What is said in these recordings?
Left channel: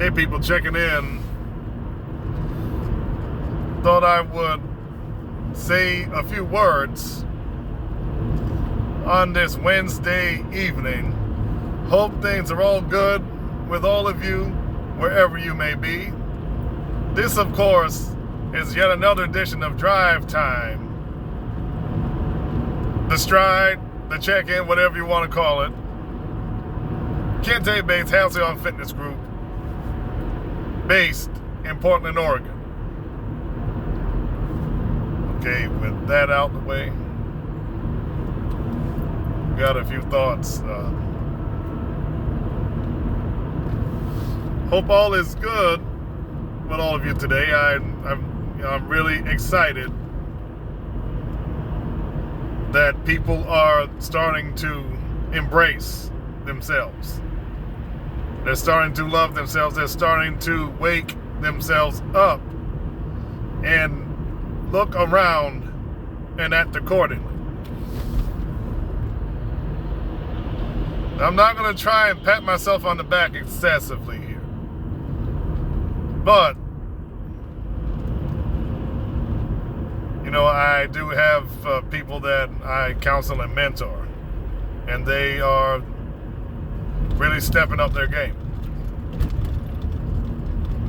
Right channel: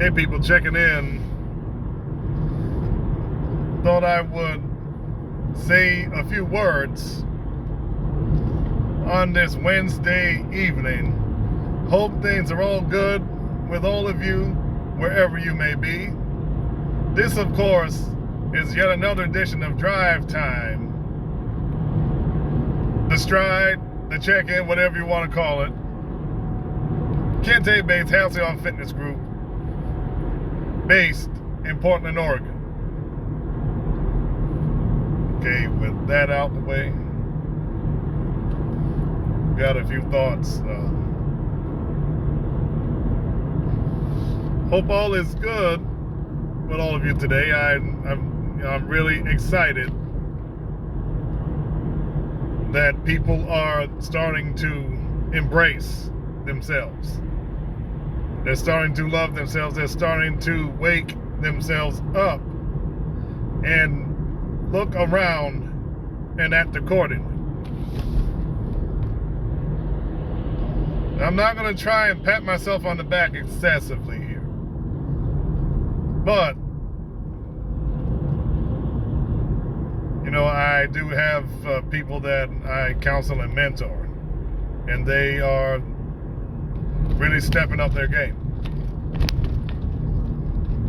Hey people checking in. Thought I would say a few words on this Wednesday evening. Hope things are all good with all of you, wherever you may be. This, of course, is yet another edition of Drive Time. The Stride, the check-in, whatever you want to call it. Kente Bates Halcyon Fitness Group, based in Portland, Oregon. Okay, with that out the way, got a few thoughts. Hope all is good with all of you today. I'm really excited that people are starting to embrace themselves. They're starting to love themselves. They're starting to wake themselves up and look around and act accordingly. I'm not going to try and pat myself on the back excessively here. But, you know, I do have people that I counsel and mentor, and they are really stepping up their game.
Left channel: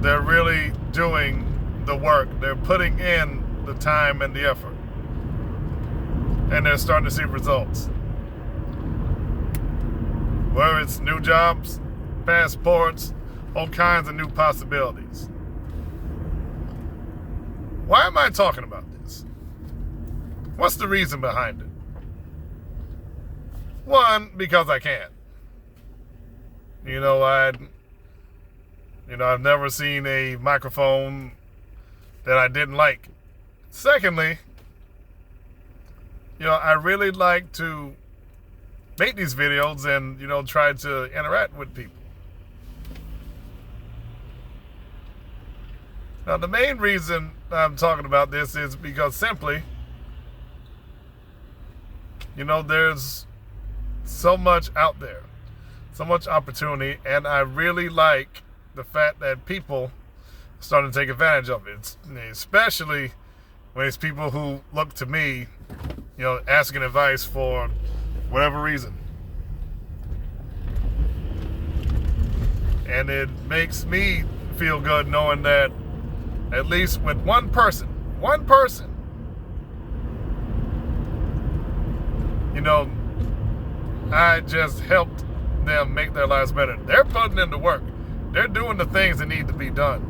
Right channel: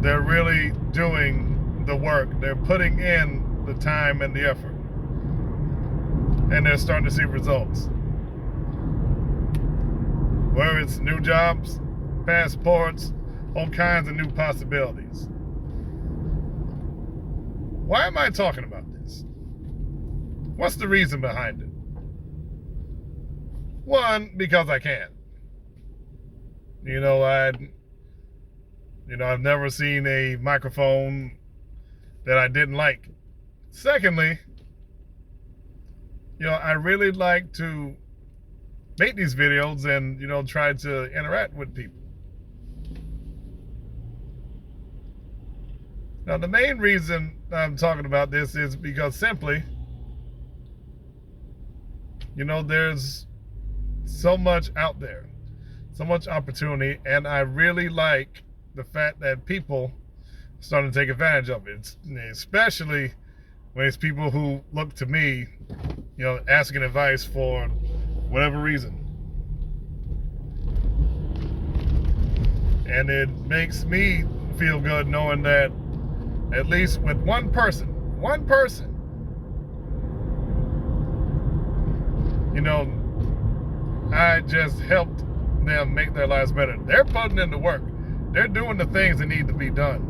They're really doing the work. They're putting in the time and the effort. And they're starting to see results. Whether it's new jobs, passports, all kinds of new possibilities. Why am I talking about this? What's the reason behind it? One, because I can. I've never seen a microphone that I didn't like. Secondly, I really like to make these videos and, try to interact with people. Now, the main reason I'm talking about this is because simply, there's so much out there. So much opportunity, and I really like the fact that people are starting to take advantage of it, especially when it's people who look to me, asking advice for whatever reason. And it makes me feel good knowing that at least with one person, I just helped them make their lives better. They're putting in the work. They're doing the things that need to be done.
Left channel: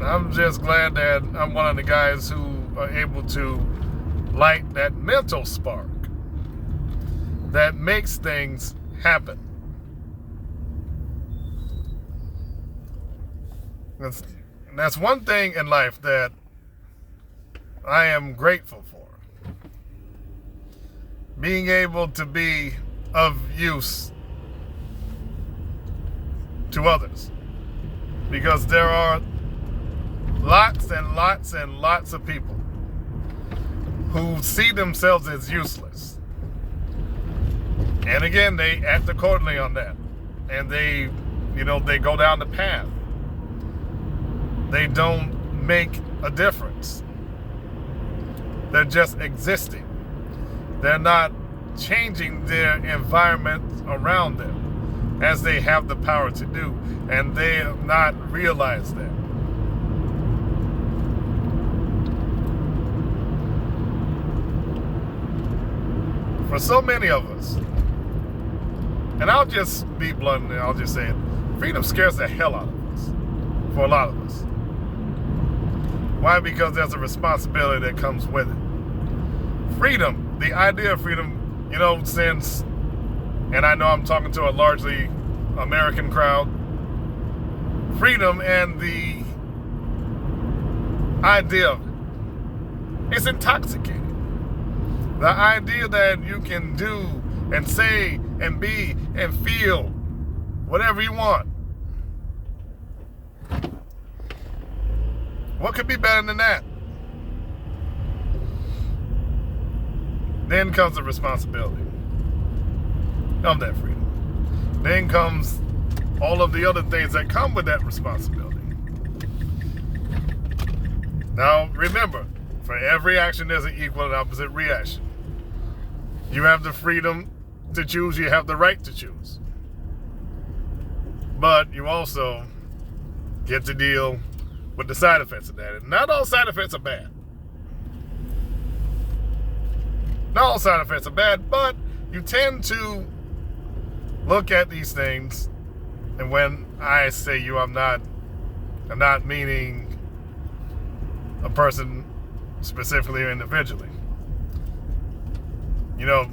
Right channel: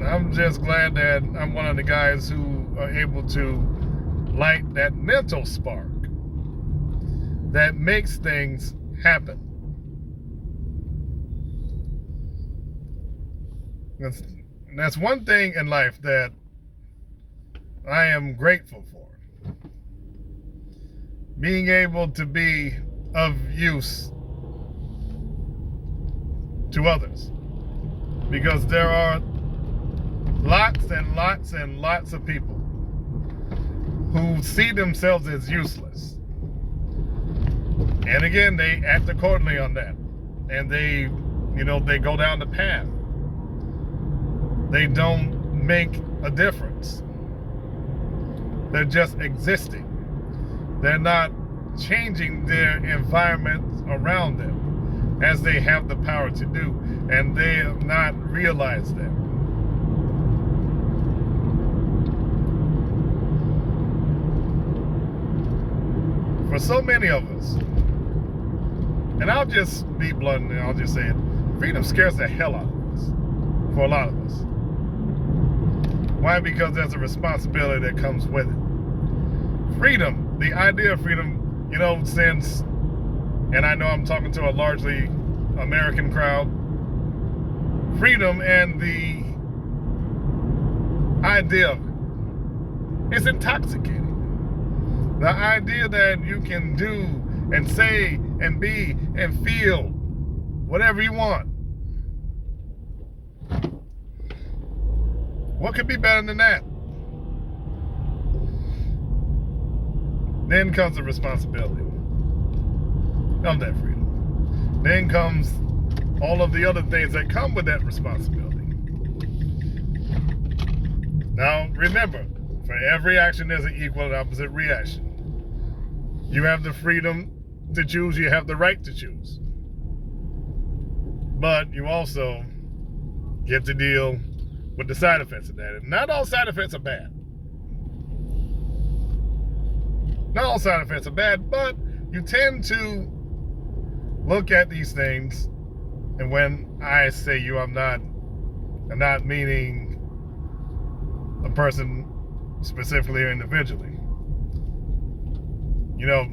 I'm just glad that I'm one of the guys who are able to light that mental spark that makes things happen. That's one thing in life that I am grateful for. Being able to be of use to others. Because there are lots and lots and lots of people who see themselves as useless. And again, they act accordingly on that. And they go down the path. They don't make a difference. They're just existing. They're not changing their environment around them as they have the power to do, and they have not realized that. For so many of us, and I'll just be blunt and I'll just say it, freedom scares the hell out of us, for a lot of us. Why? Because there's a responsibility that comes with it. Freedom, the idea of freedom, since, and I know I'm talking to a largely American crowd, freedom and the idea of it, it's intoxicating. The idea that you can do and say and be and feel whatever you want. What could be better than that? Then comes the responsibility of that freedom. Then comes all of the other things that come with that responsibility. Now, remember, for every action, there's an equal and opposite reaction. You have the freedom to choose. You have the right to choose. But you also get to deal with the side effects of that. And not all side effects are bad. Not all side effects are bad, but you tend to look at these things, and when I say you, I'm not meaning a person specifically or individually. You know,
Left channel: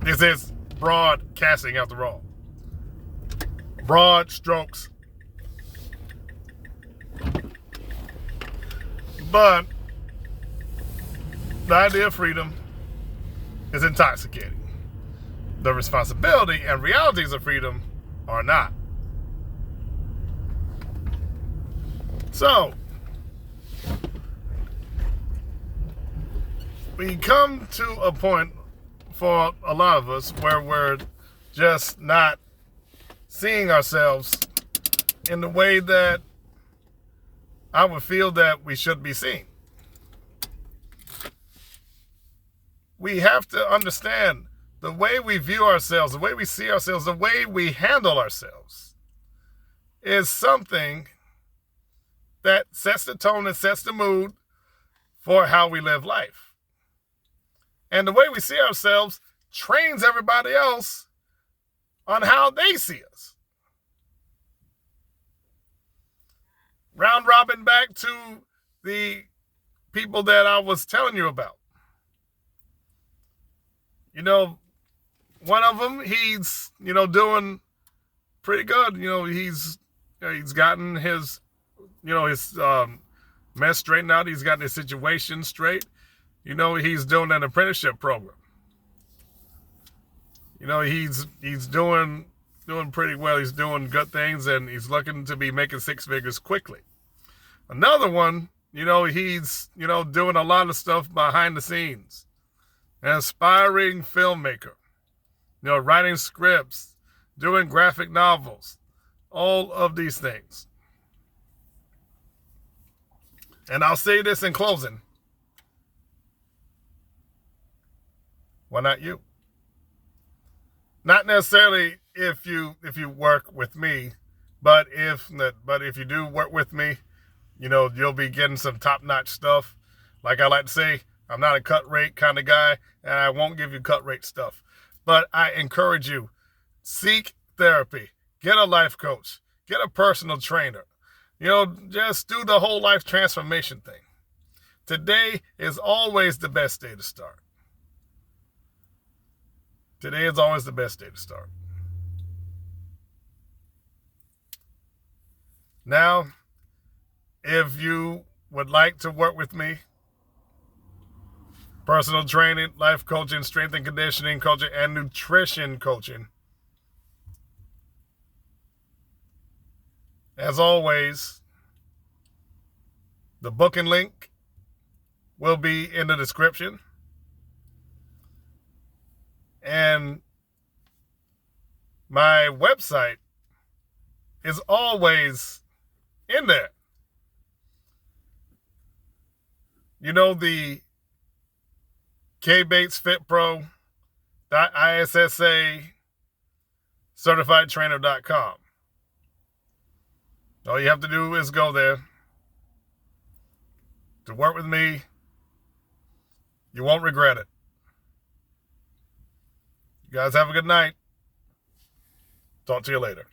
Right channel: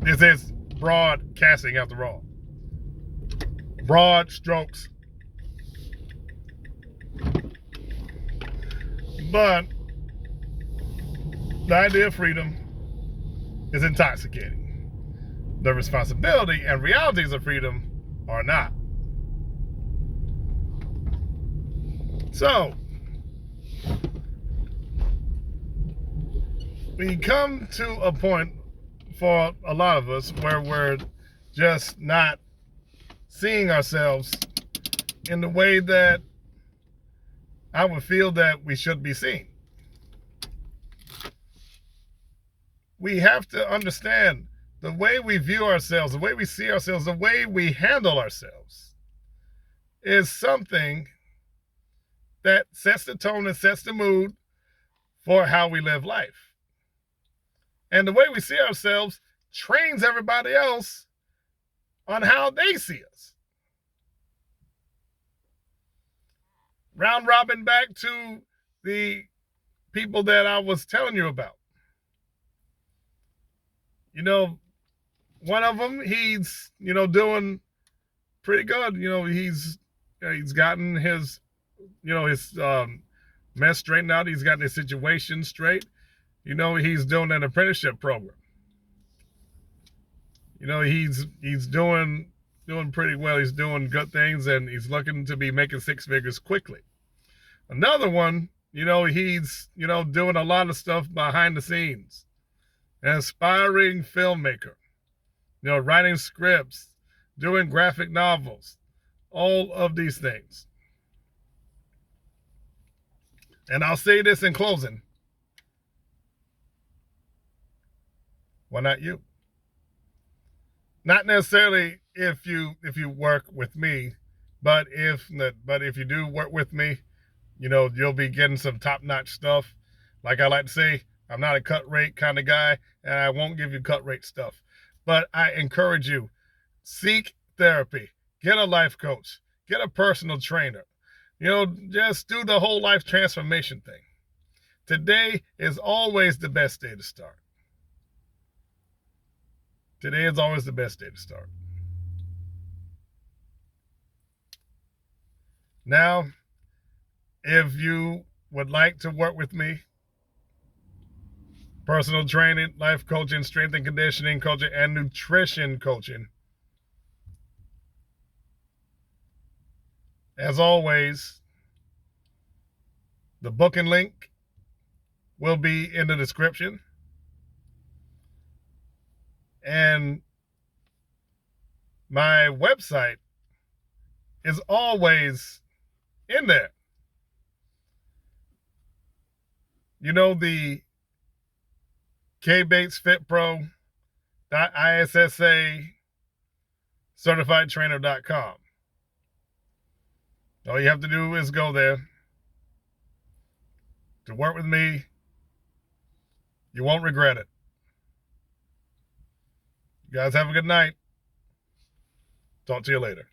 this is broadcasting after all. Broad strokes. But the idea of freedom is intoxicating. The responsibility and realities of freedom are not. So, we come to a point for a lot of us where we're just not seeing ourselves in the way that I would feel that we should be seen. We have to understand the way we view ourselves, the way we see ourselves, the way we handle ourselves is something that sets the tone and sets the mood for how we live life. And the way we see ourselves trains everybody else on how they see us. Round robin back to the people that I was telling you about. You know, one of them, he's, doing pretty good. He's gotten his, his mess straightened out. He's gotten his situation straight. He's doing an apprenticeship program. He's doing pretty well. He's doing good things, and he's looking to be making six figures quickly. Another one, he's, doing a lot of stuff behind the scenes. An aspiring filmmaker, writing scripts, doing graphic novels, all of these things. And I'll say this in closing. Why not you? Not necessarily if you work with me, but if you do work with me, you'll be getting some top-notch stuff. Like I like to say, I'm not a cut rate kind of guy, and I won't give you cut rate stuff. But I encourage you, seek therapy, get a life coach, get a personal trainer. Just do the whole life transformation thing. Today is always the best day to start. Today is always the best day to start. Now, if you would like to work with me, personal training, life coaching, strength and conditioning coaching, and nutrition coaching. As always, the booking link will be in the description. And my website is always in there. The kbatesfitpro.issa certifiedtrainer.com. All you have to do is go there. To work with me, you won't regret it. You guys have a good night. Talk to you later.